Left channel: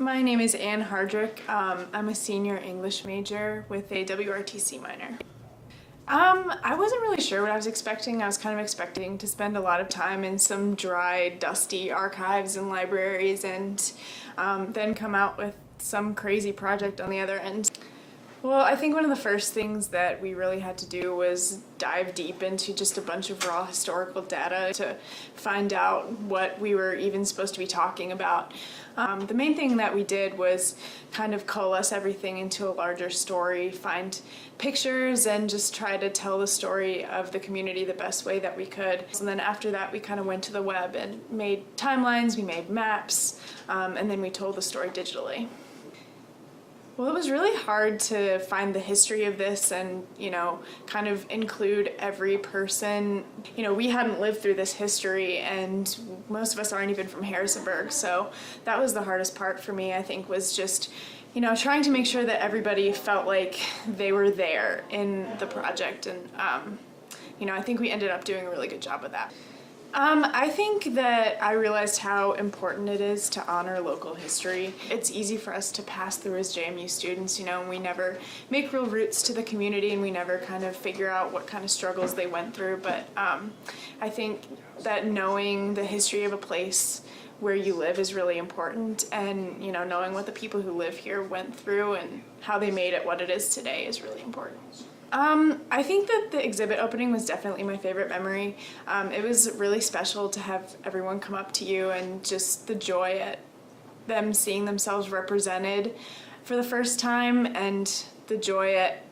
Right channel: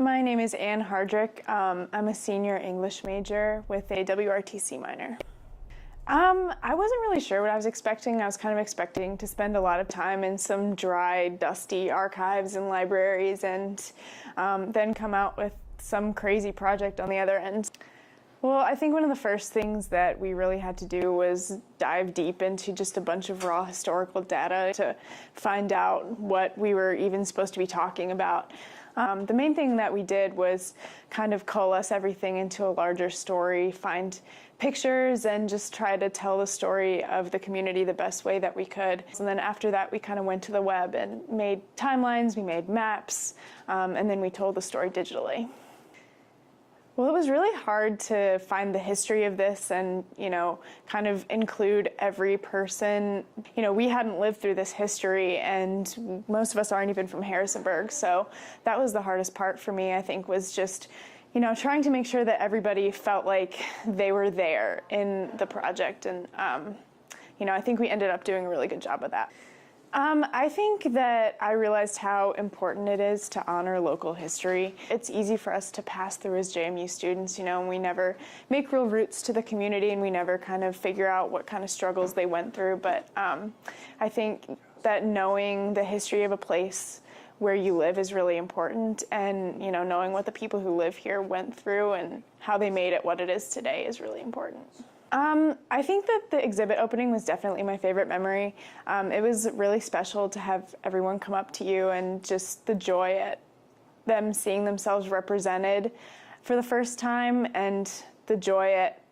My name is Anne Hardrick. I'm a senior English major with a WRTC minor. I wasn't really sure what I was expecting. I was kind of expecting to spend a lot of time in some dry, dusty archives and libraries and then come out with some crazy project on the other end. Well, I think one of the first things that we really had to do was dive deep into just a bunch of raw historical data to find out what we were even supposed to be talking about. The main thing that we did was kind of coalesce everything into a larger story, find pictures, and just try to tell the story of the community the best way that we could. So then after that, we kind of went to the web and made timelines, we made maps, and then we told the story digitally. Well, it was really hard to find the history of this and, kind of include every person. We hadn't lived through this history, and most of us aren't even from Harrisonburg, so that was the hardest part for me, I think, was just, trying to make sure that everybody felt like they were there in the project, and, I think we ended up doing a really good job of that. I think that I realized how important it is to honor local history. It's easy for us to pass through as JMU students, and we never make real roots to the community, and we never kind of figure out what kind of struggles they went through. But I think that knowing the history of a place where you live is really important, and knowing what the people who live here went through and how they made it what it is today is really important. I think that the exhibit opening was definitely my favorite memory. It was really special to have everyone come up to you, and just the joy at them seeing themselves represented for the first time, and the joy at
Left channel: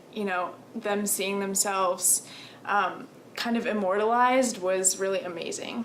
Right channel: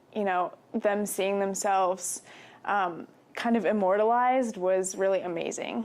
them seeing themselves kind of immortalized was really amazing.